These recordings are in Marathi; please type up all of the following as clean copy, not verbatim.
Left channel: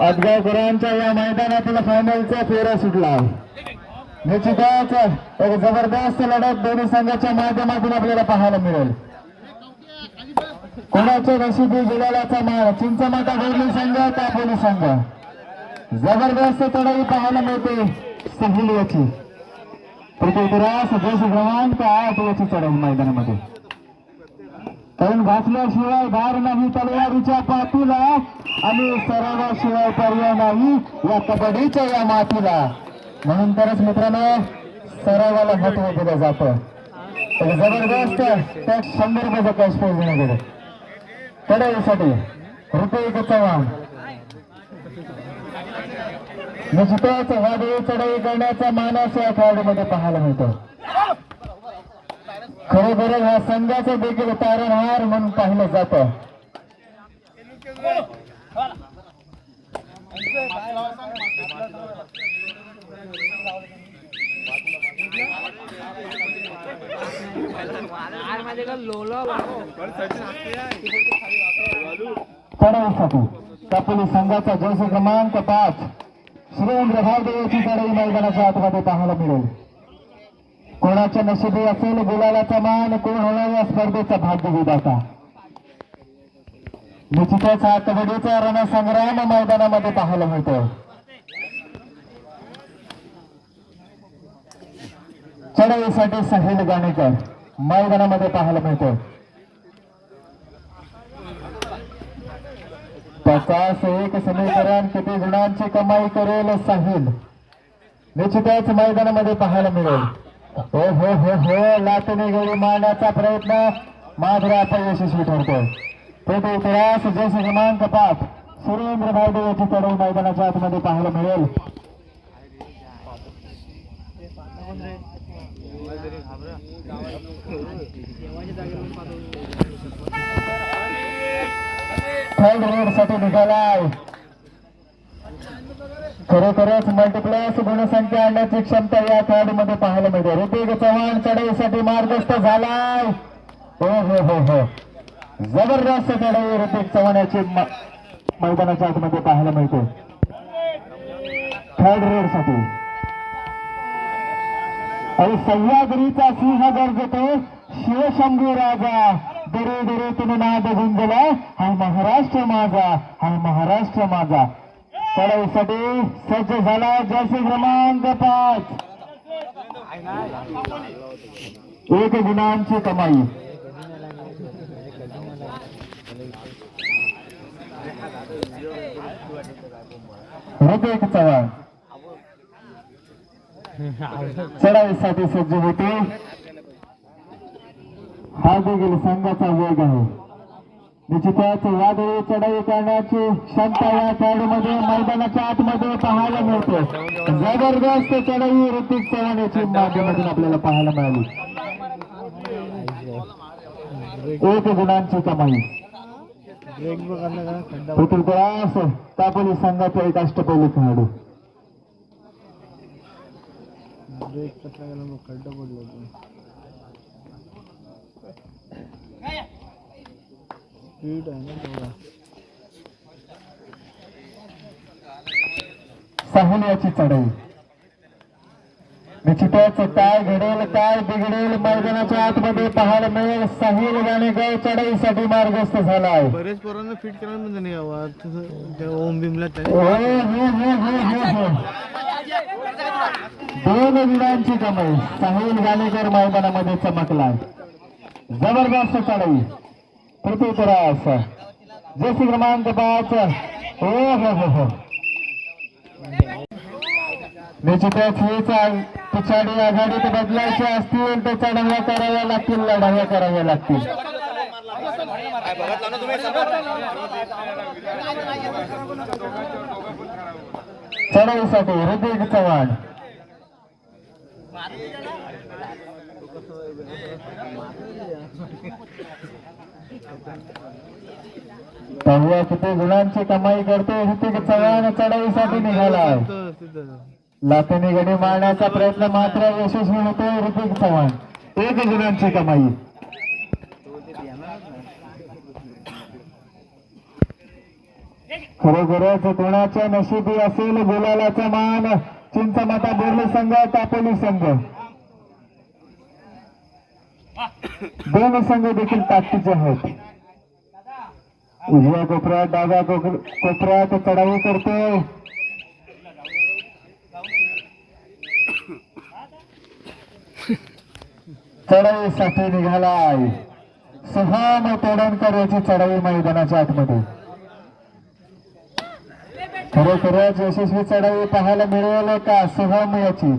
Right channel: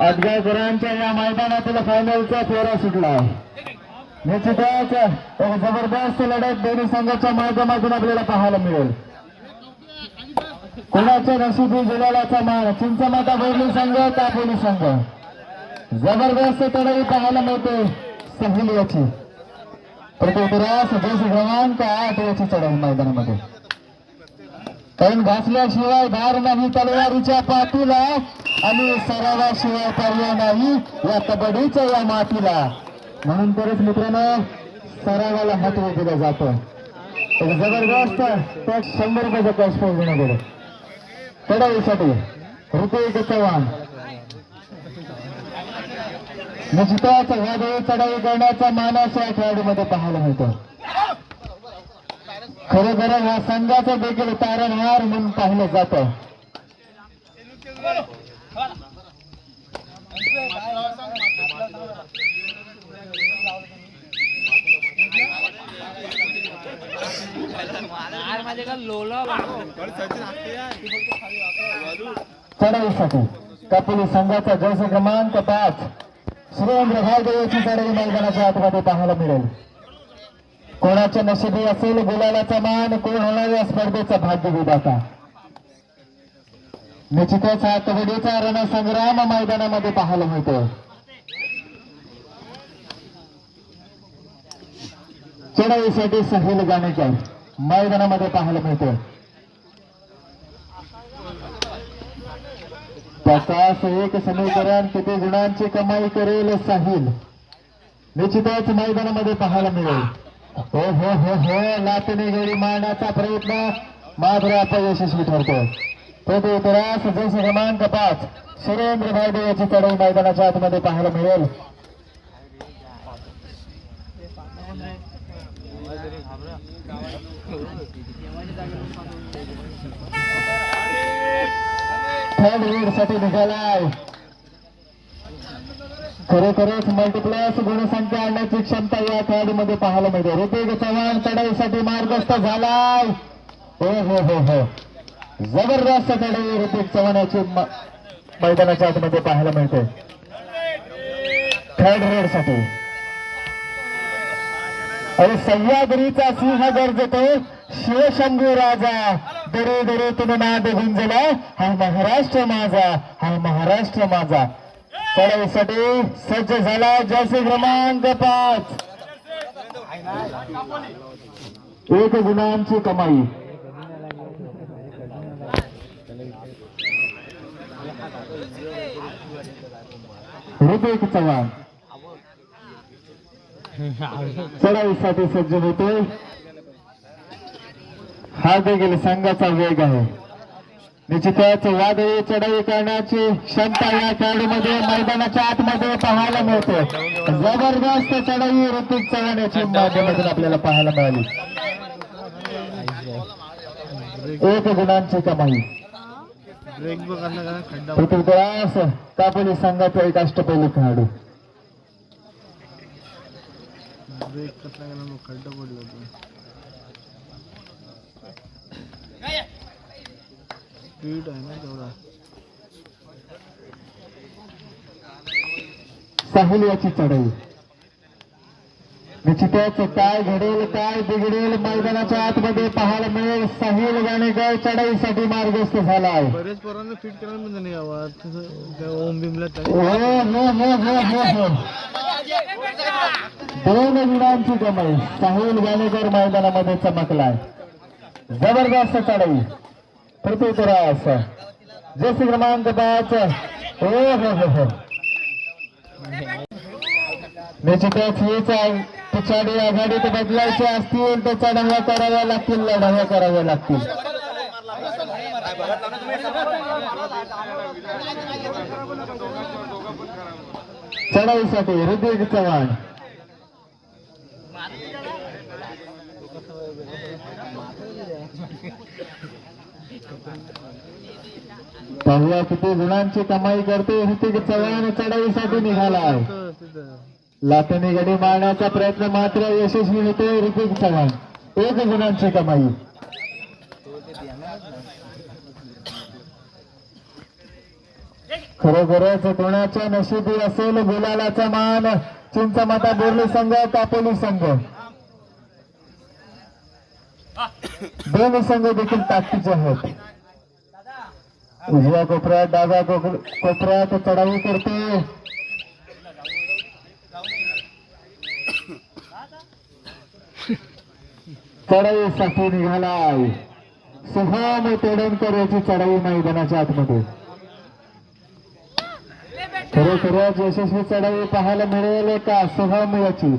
अदगावकरांच्या या मैदानातील फायनलचा फेरा सुटला. निश्चितच एक जबरदस्त लढत दोन्ही संघाच्या माध्यमातून आपल्याला पाहायला मिळेल. कोणाच्या नशिबी गुलालाचा मान चिंचमाता बोर्ली संघ तापोली संघ. जबरदस्त चढाई पाहायला मिळते सहिल याची. पृथ्वीराज जैसे क्रमांक 8 याची चढाई मैदानामध्ये. कारण घासल्याशिवाय धार नाही तलवारीच्या पाठीला आणि सरावाशिवाय पर्याय नाही या कबड्डीच्या या मातीला. म्हणून तरच मित्रांनो सरावाला महत्व दिलं जातं. जबरदस्त त्या 100 रुपयाचा कॅश प्राइज देण्यात गेलं चढाईसाठी. ऋतिक चव्हाण निश्चितच वादळी चढाई करण्याचा मानस या खेळाडूमध्ये पाहायला मिळतो. खरोखर या संघाचं देखील तारणहार म्हणून पाहिलं जातं. चढाईसाठी तापोली संघाचा जर्सी क्रमांक 5 सुरेंद्र भाईडे याची चढाई मैदानाच्या आतमध्ये पाहायला मिळेल. कोणाच्या नशिबी असेल गुलालाचा मान, कोण होणार या स्पर्धेचा भाग्य विधाता. निश्चितच हा कबड्डीचा रणसंग्राम मैदानामध्ये पाहायला मिळतो. चढाईसाठी सहिल गाणेकर मैदानामध्ये पाहायला मिळतो. 51 समीकरण किती गुणांची कमाई करेल साहिल निश्चितच मैदानामध्ये पाहायला मिळेल. हो हो हो हो लाटणे गडी मारण्याचा प्रयत्न मात्र अपयशस्वी ठरतोय. ते इतिहास जैसे क्रमांक 5 सुरेंद्र भाईडे याची चढाई मैदानाच्या आतमध्ये पाहायला मिळेल. थर्ड रेड साठी निघालाय. खरोखरच मल्टिप्लस गुणसंख्या आणण्याची क्षमता या खेळाडूमध्ये पाहायला मिळते. ऋतिक चव्हाण चढाईसाठी मार्गस्थ झालाय. हो हो हो हो जबरदस्त चढाई ऋतिक चव्हाण याची मैदानाच्या आतमध्ये पाहायला मिळते. थर्ड रेड साठी आणि सह्याद्रीचा सिंह गरजतो शिवशंभू राजा. दरे दरेतून नाद गुंजला हा महाराष्ट्र माझा, हा महाराष्ट्र माझा. चढाईसाठी सज्ज झाला जर्सी क्रमांक 5 1 गुणांची कमाई. ऋतिक चव्हाण चढाईसाठी सज्ज होते. हा देखील संघाचा वेग आहे. निश्चितच वादळी चढाई करण्याची क्षमता या खेळाडूमध्ये मैदानाच्या आतमध्ये पाहायला मिळते. जबरदस्त चढाई ऋतिक चव्हाण याची माध्यमातून आपल्याला पाहायला मिळाली. 1 गुणांची कमाई. पृथ्वीराज तापोली संघाचा एक अष्टपैलू खेळाडू. खड्डा पडला स्पीड आहे ना तेवढा. साहिल याची चढाई निश्चितच काय घडेल काय बिघडेल मैदानाच्या आतमध्ये पाहायला मिळेल. साहिल गाणेकर चढाईसाठी मार्गस्थ झाला आहे. बरेच पोरांना फिट करायला नाही ओम भीमला 2 गुणांची कमाई. साहिल गाणेकर मैदानामध्ये चमकलाय. जबरदस्त चढाई. पृथ्वीराज जर्सी क्रमांक 5 हो हो हो हो निश्चितच हीच पिछाडी आघाडीत बदलायचे असतील तर चढाव्या कराव्या लागतील, लढाव्या कराव्या लागतील. चढाईसाठी ऋतिक चव्हाण पाहूया किती गुणांची कमाई करते ऋतिक चव्हाण. चढाईसाठी निघाला. लाथेने गडी मारण्याचा प्रयत्न मात्र यशस्वी होते ऋतिक चव्हाण. 1 गुणांची कमाई. खरोखरच कोणाच्या नशिबी असेल गुलालाचा मान. चिंचमाता बोर्ली संघ तापोली संघ दोन संघ देखील ताकदीचे आहेत. उजव्या कोपऱ्यात डाव्या कोपऱ्यात चढाई करतो. चढाईसाठी निघालाय सोहम तोडणकर याची चढाई मैदानाच्या आतमध्ये. खरोखरच यशस्वी चढाई पाहायला मिळेल का सोहम याची.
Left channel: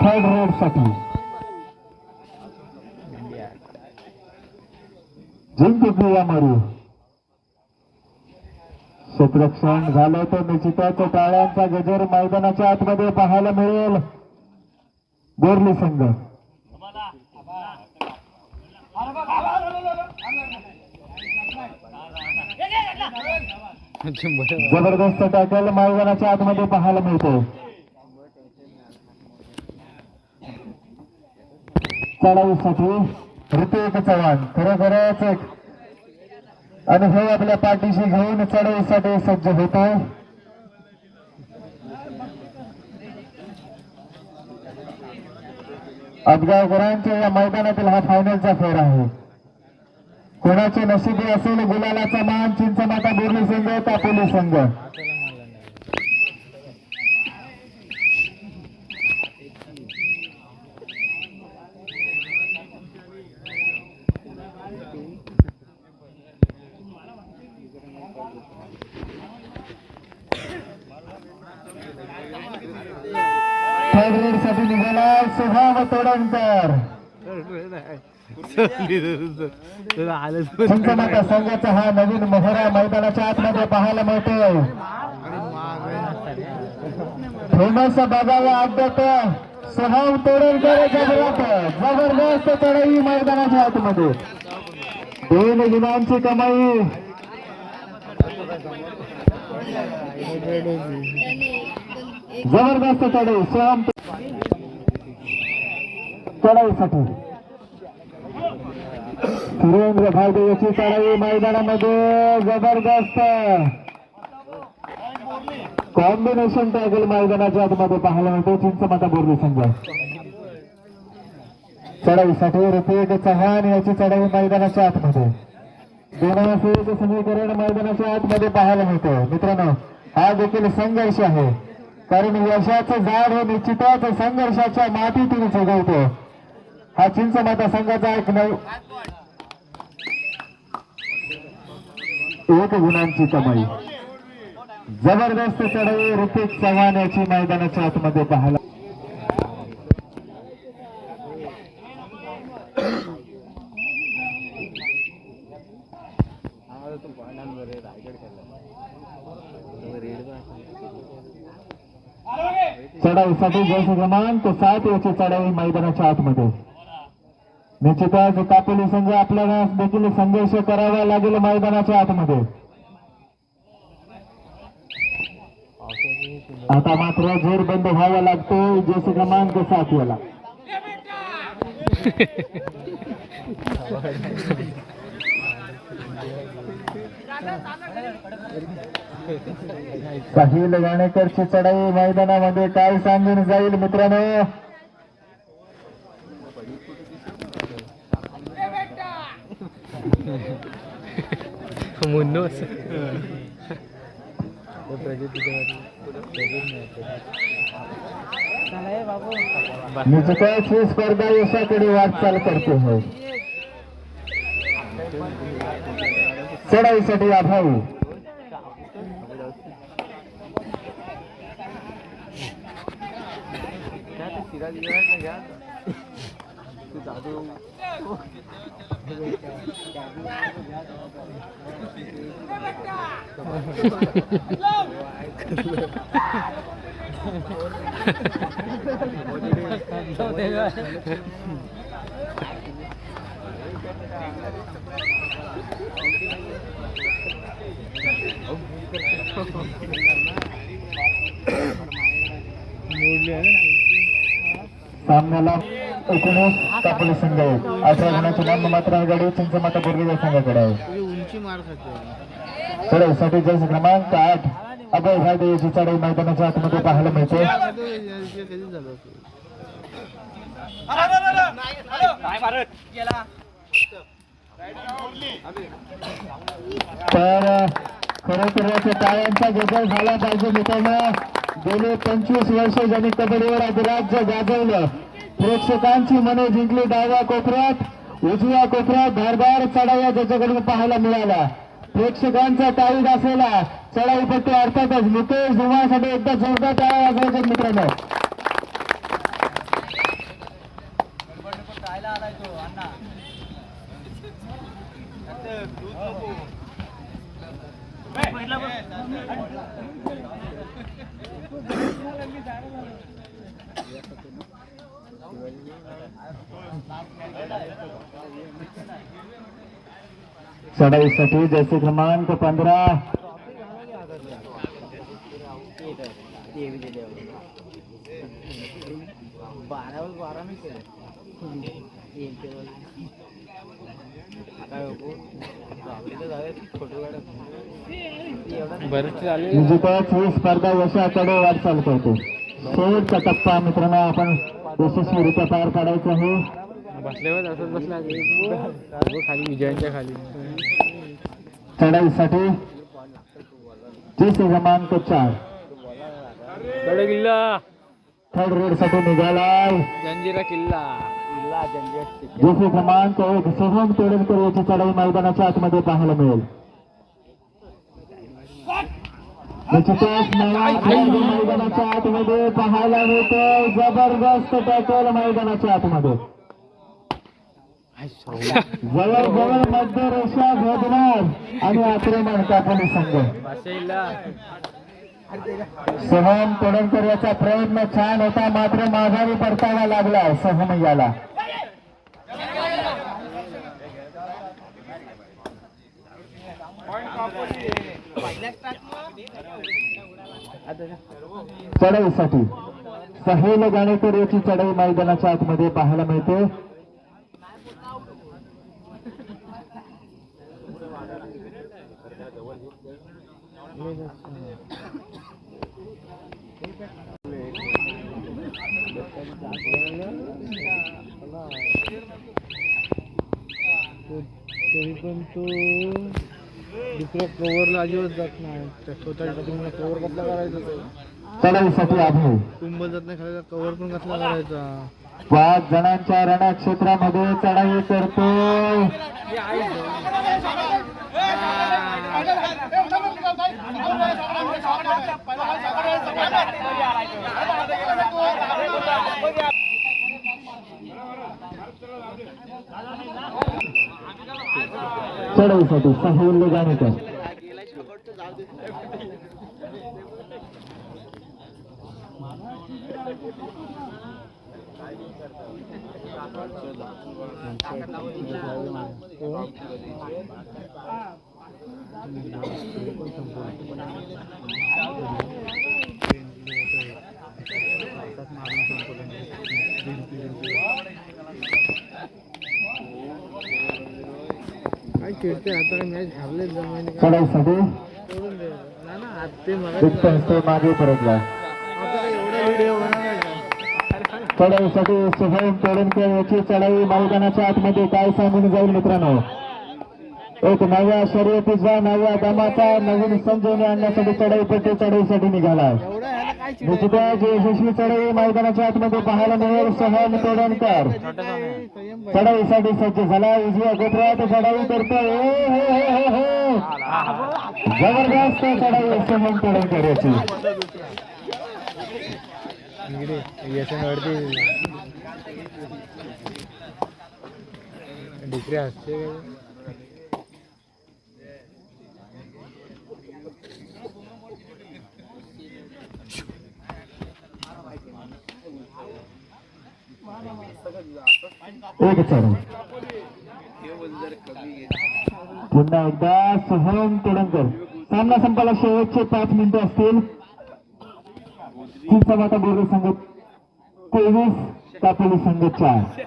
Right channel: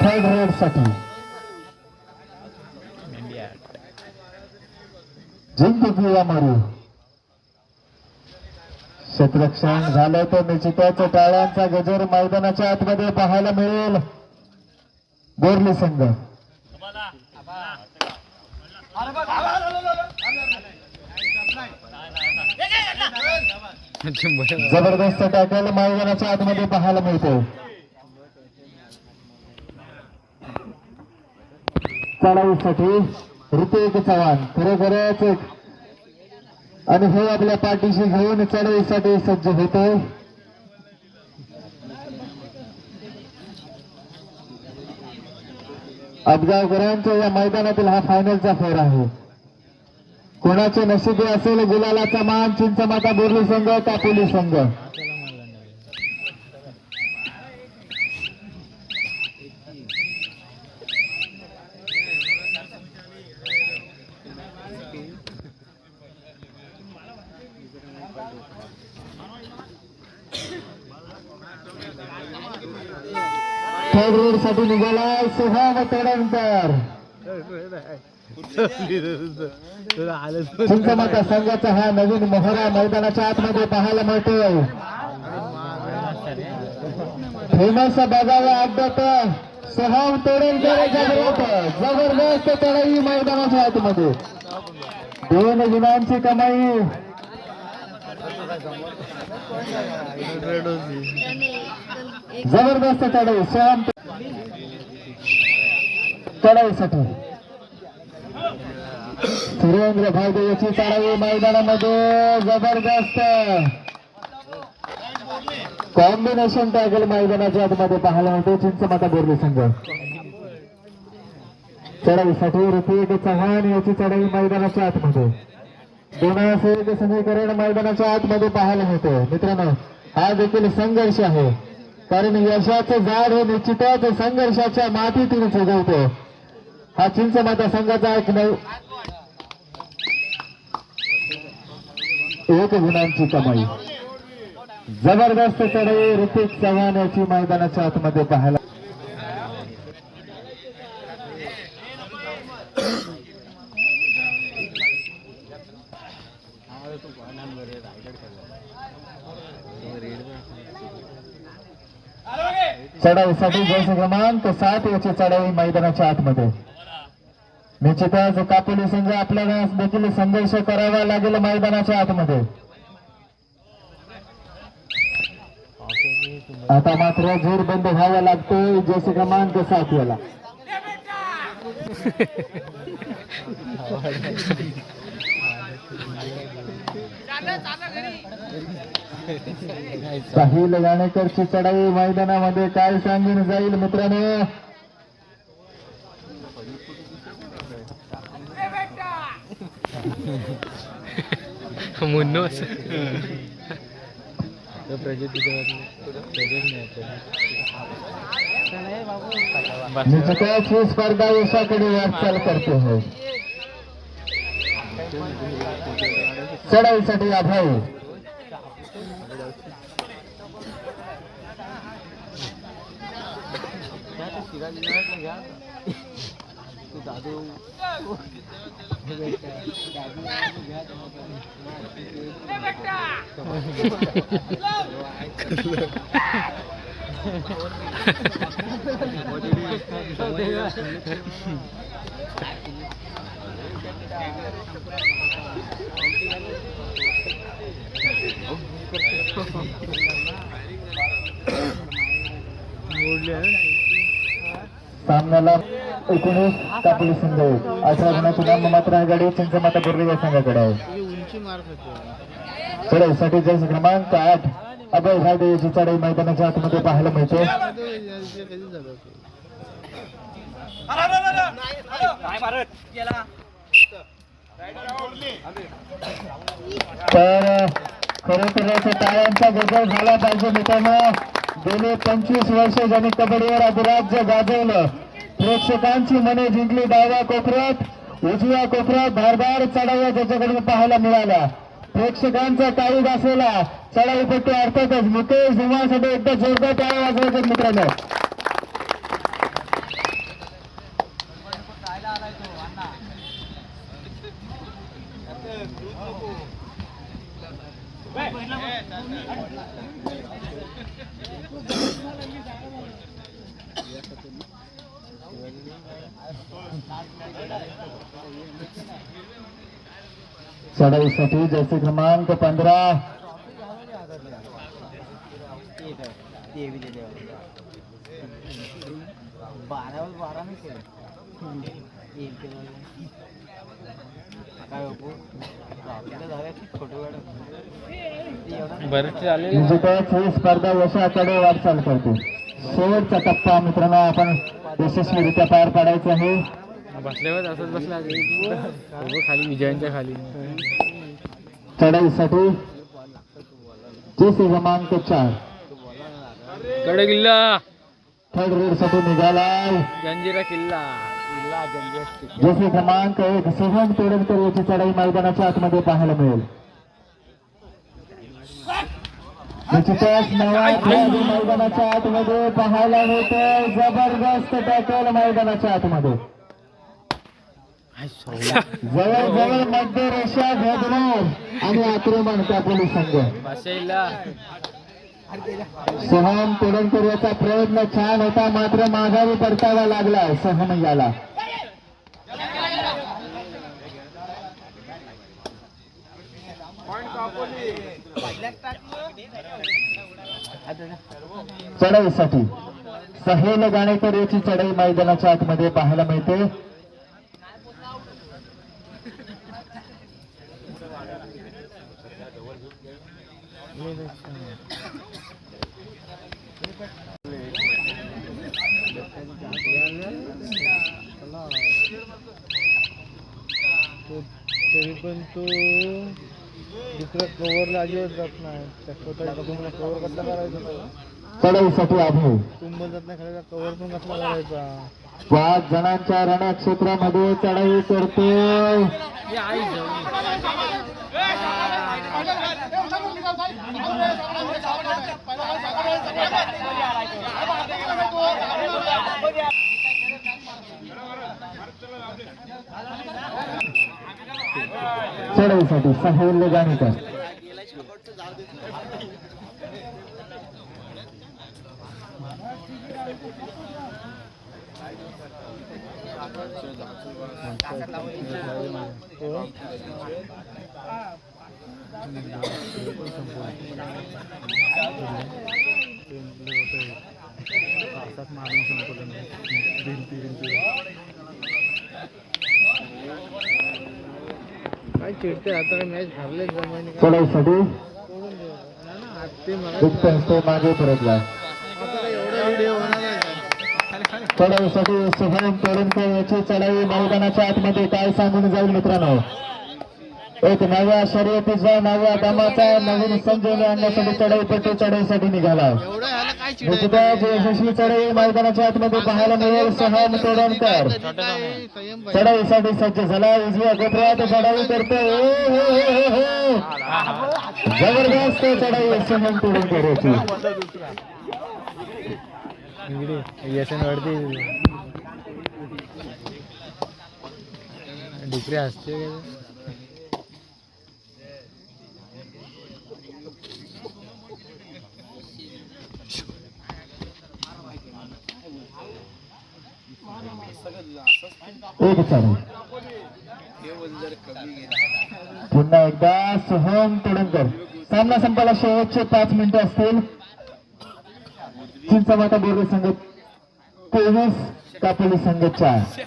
थर्ड रेड साठी जिंकू किंवा मरू. क्षेत्ररक्षण झालं तर निश्चितच टाळ्यांचा गजर मैदानाच्या आतमध्ये पाहायला मिळेल. बोर्ली संघ जबरदस्त टॅकल मैदानाच्या आतमध्ये पाहायला मिळतो. चढाईसाठी ऋतिक चव्हाण खरोखरच एक अनुभव आपल्या पाठीशी घेऊन चढाईसाठी सज्ज होतो. अफगावकरांच्या या मैदानातील हा फायनलचा फेर आहे. कोणाचे नशिबी असेल गुलालाचा मान. चिंचमाता बोर्ली संघ तापोली संघ थर्ड रेड साठी निघाला सोहम तोडणकर. चिंचमाता संघाचा हा नवीन मोहरा मैदानाच्या आतमध्ये पाहायला मिळतोय. फेमस बघायला अड्ड्यात सोहम तोडणकर जबरदस्त चढाई मैदानाच्या आतमध्ये. 2 गुणांची कमाई. जबरदस्त चढाई सोहम चढाईसाठी सुरेंद्र घालदे याची चढाई मैदानामध्ये. जबरदस्त कॉम्बिनेशन टॅकल मैदानाच्या आतमध्ये पाहायला मिळतो. चिंचमाता बोर्ली संघ चढाईसाठी ऋतिक चव्हाण याची चढाई मैदानाच्या आतमध्ये. दोनाचे समीकरण मैदानाच्या आतमध्ये पाहायला मिळतो. मित्रांनो हा देखील संघर्ष आहे. कारण यशाचं झाड हे निश्चितच संघर्षाच्या मातीतून उगवतो. हा चिंचमाता संघाचा एक गुणांची कमाई. जबरदस्त चढाई ऋतिक चव्हाण याची मैदानाच्या आतमध्ये पाहायला. चढाईसाठी जैसे क्रमांक 7 याची चढाई मैदानाच्या आतमध्ये. निश्चितच कापोली संघ आपल्याला देखील संघर्ष करावा लागेल मैदानाच्या आतमध्ये. आता मात्र जोर बंद व्हावा लागतो जैसे क्रमांक 7 याला. साहिल गाणेकरची चढाई मैदानामध्ये काय सांगून जाईल मित्रांनो. निश्चितच ही स्पर्धा यशाकडे वाटचाल करते है. चढाईसाठी आभारी. सामन्याला 19 कापोली संघ आहे. 18 गुणाची नाममात्र आघाडी चिंचमाता बोर्वे या संघाकडे आहे. चढाईसाठी जर्सी क्रमांक 8 अभय घाटे याची चढाई मैदानाच्या आतमध्ये पाहायला मिळते. तर खरोखरच टाळ्यांचा गजर झाला पाहिजे मित्रांनो. गेले 25 वर्ष ज्यांनी कबड्डीवर अधिराज्य गाजवलं, प्रेक्षकांची मने जिंकली. डाव्या कोपऱ्यात उजव्या कोपऱ्यात धारदार चढाया ज्याच्याकडे पाहायला मिळाला. प्रेक्षकांचा तारीख असलेला चढाईपट्टी अर्थातच मुकेश धुमासाठी एकदा जोरदार टाळ्या वाजवायचे मित्रांनो. चढाईसाठी जर्सी क्रमांक 15 निश्चितच ही स्पर्धा यशाकडे वाटचाल करते. शेवटचा टप्पा मित्रांनो आपण यशस्वीरित्या पार पाडायचा आहे. बसल्यावर असंच बसला खाली विजयांच्या खाली. चढाईसाठी जर्सी क्रमांक 4 गड किल्ला थर्ड रेड साठी निघालाय. जंजिरा किल्ला जर्सी क्रमांक 1 शुभम तोडणकर याची चढाई मैदानाच्या आतमध्ये पाहायला मिळेल. निश्चितच नवा खेळाडू मैदानाच्या आतमध्ये पाहायला मिळतोय. जबरदस्त टॅकल मैदानाच्या आतमध्ये. जवळजवळ मध्य रेषा भेदणार आणि आक्रमण कापोली संघ. सोहम तोडणकर याचा प्रयत्न छान होता, मात्र माघारी परतावा लागला सोहम याला. चढाईसाठी सहेल गाणेकर याची चढाई मैदानाच्या आतमध्ये पाहायला मिळते. तरी पण तो दुसऱ्या कव्हरला अजिबात जात नाही. त्या स्वतःच्या कव्हर कसला करायचा. चढाईसाठी अभय कुंभल जात नाही खाली, कव्हर पण कसला करायचा. 5 जणांच्या रणक्षेत्रामध्ये चढाई करतो. चढाईसाठी सहेल गाणेकर. चढाईसाठी मागे परतला. चढाईसाठी शुभम तोडणकर याची चढाई मैदानाच्या आतमध्ये काय सांगून जाईल मित्रांनो. एक नव्या शर्यतीचा नव्या दमाचा नवीन संजीवनी आणण्यासाठी चढाईपट्टी चढाईसाठी निघाला. निश्चितच यशस्वी चढाई मैदानाच्या आतमध्ये पाहायला मिळेल. शुभम तोडणकर चढाईसाठी सज्ज झाला. उजव्या कोपऱ्यात चढाई करतो. जबरदस्त चढाई शुभम तोडणकर याची. डिग्री असते. एक चढाई पुन्हा एकदा शुभम तोडणकर सामना संपायला शेवटचे 5 मिनिटं असतील. चिंचमाता बोर्डे संघ 23, कापोली संघ 4.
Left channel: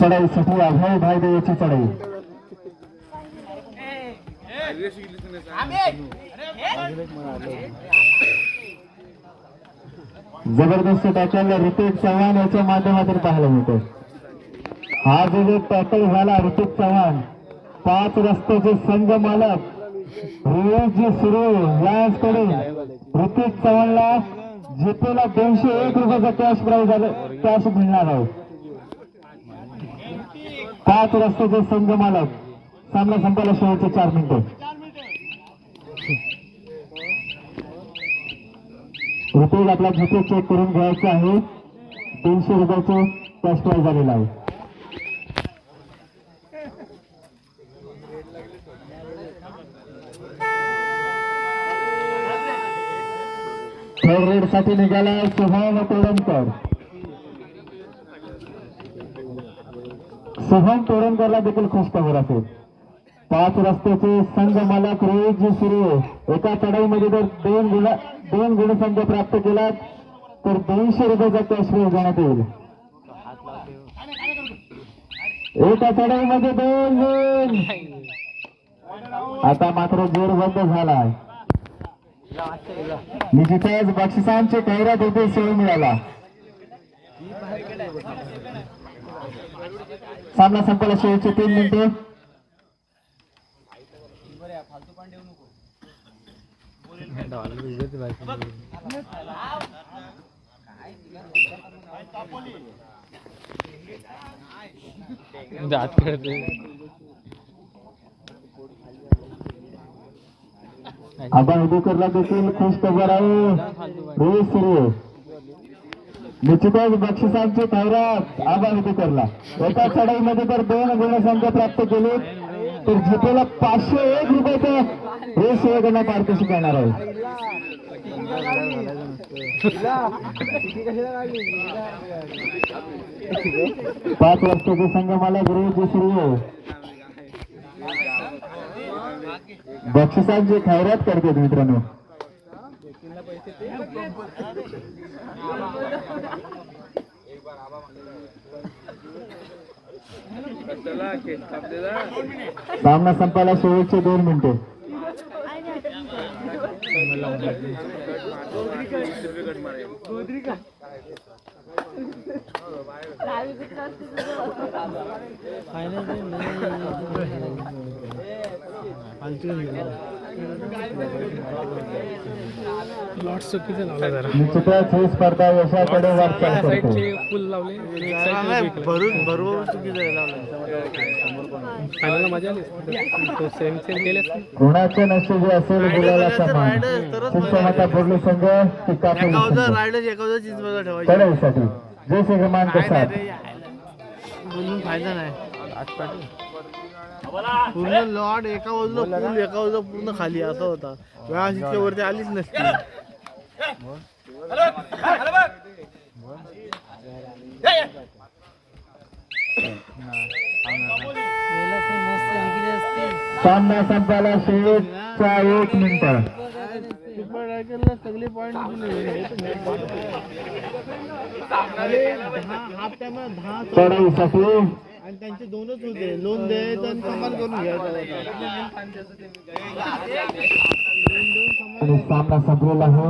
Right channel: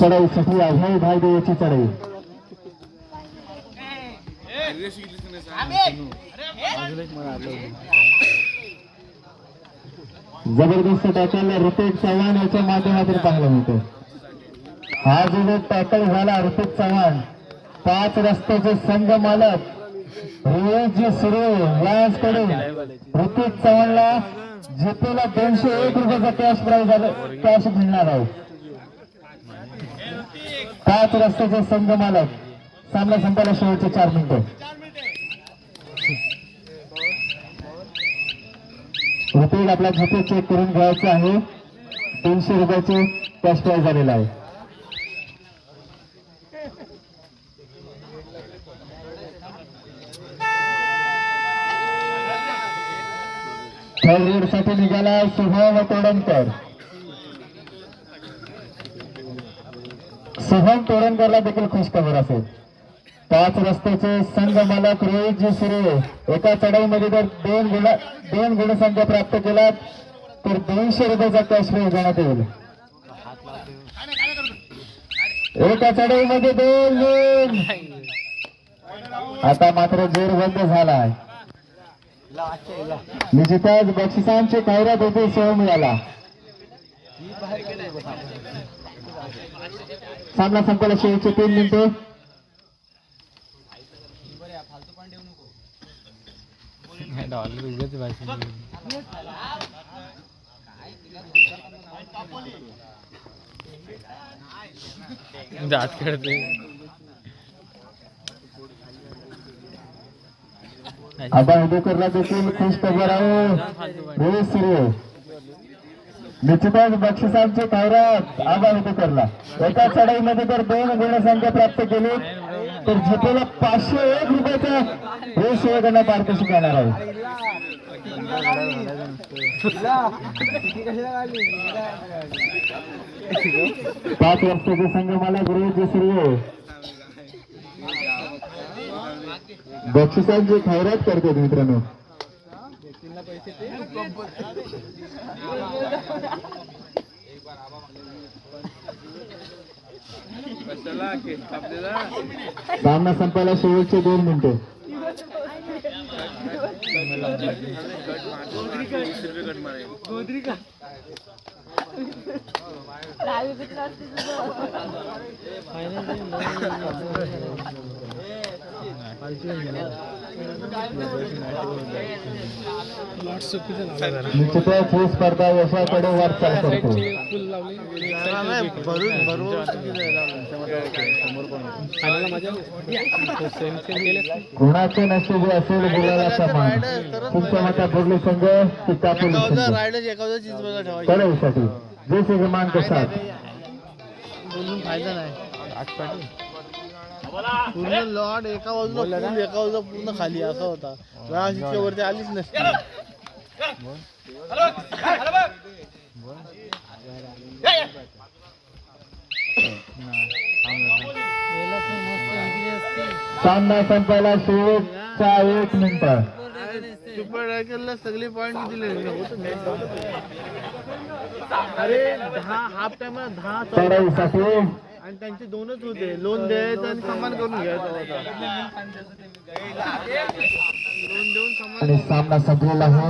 चढाईसाठी अभय भाई देवाची चढाई. जबरदस्त टॅकल ऋतिक चव्हाण याच्या माध्यमातून पाहायला मिळतो. हा जो टॅकल झाला ऋतिक चव्हाण 5 रस्त्याचे संघ मालक रियाजी सुरू यांच्याकडून ऋतिक चव्हाणला जितेला 201 रुपयाचा कॅश प्राइज कॅश मिळणार आहे. 5 रस्त्याचे संघ मालक. सामना संपायला शेवटचे 4 मिनिटं. ऋतिक आपला जिते चेक करून घ्यायचं आहे. 300 रुपयाचे कॅश प्राइज झालेला आहे. थर्ड रेड साठी निघाला शुभम तोडणकर. शुभम तोडणकरला देखील खुश खबर असेल. 5 रस्त्याचे संघ मालक रोहितजी सुरे एका चढाईमध्ये जर 2 गुणसंख्या प्राप्त केला तर 200 रुपयाचा कॅश प्राइज देण्यात येईल. एका चढाईमध्ये 2 गुण. आता मात्र जोर बंद झाला. निश्चितच बक्षिसांची खैरात होती. सोय मिळाला. सामना संपला शेवटचे 3 मिनिटे. आता उदूकरला देखील खुश खबर आहे. रोहित सूर्य निश्चितच बक्षिसांची खैरात आबा उदूकरला. एका चढाईमध्ये जर 2 गुणसंख्या प्राप्त केली तर जितेला 501 रुपयाचं रोहित सूर्यकडनं पारितोषिक येणार आहे. 5 वर्षाचे संघ मालक रोहित सूर्य बक्षिसांची खैरात करते मित्रांनो. सामना संपायला शेवटचे 2 मिनिटे. निश्चितच ही स्पर्धा यशाकडे वाटचाल करते. कोणाचे नशीब असेल बोलायला समान. तुमचा मता बोर्डे संघ की कापोली संघ चढाईसाठी जय श्रीमान कसा फायदा नाही. पूर्ण लॉट एका बाजूला पूर्ण खाली असा होता. इतक्या वरती आलीच नसती. सामना संपायला शेवटचा 1 मिनिट. सुपर रायकरला सगळे पॉइंट दिले. अरे 10 हाफ टाइम 10 चढाईसाठी आणि त्यांचे 2च होते. लोन द्यायचं आणि समान करून घ्यायचा होता. लोन देऊन समान. आणि सामना संपलेला आहे.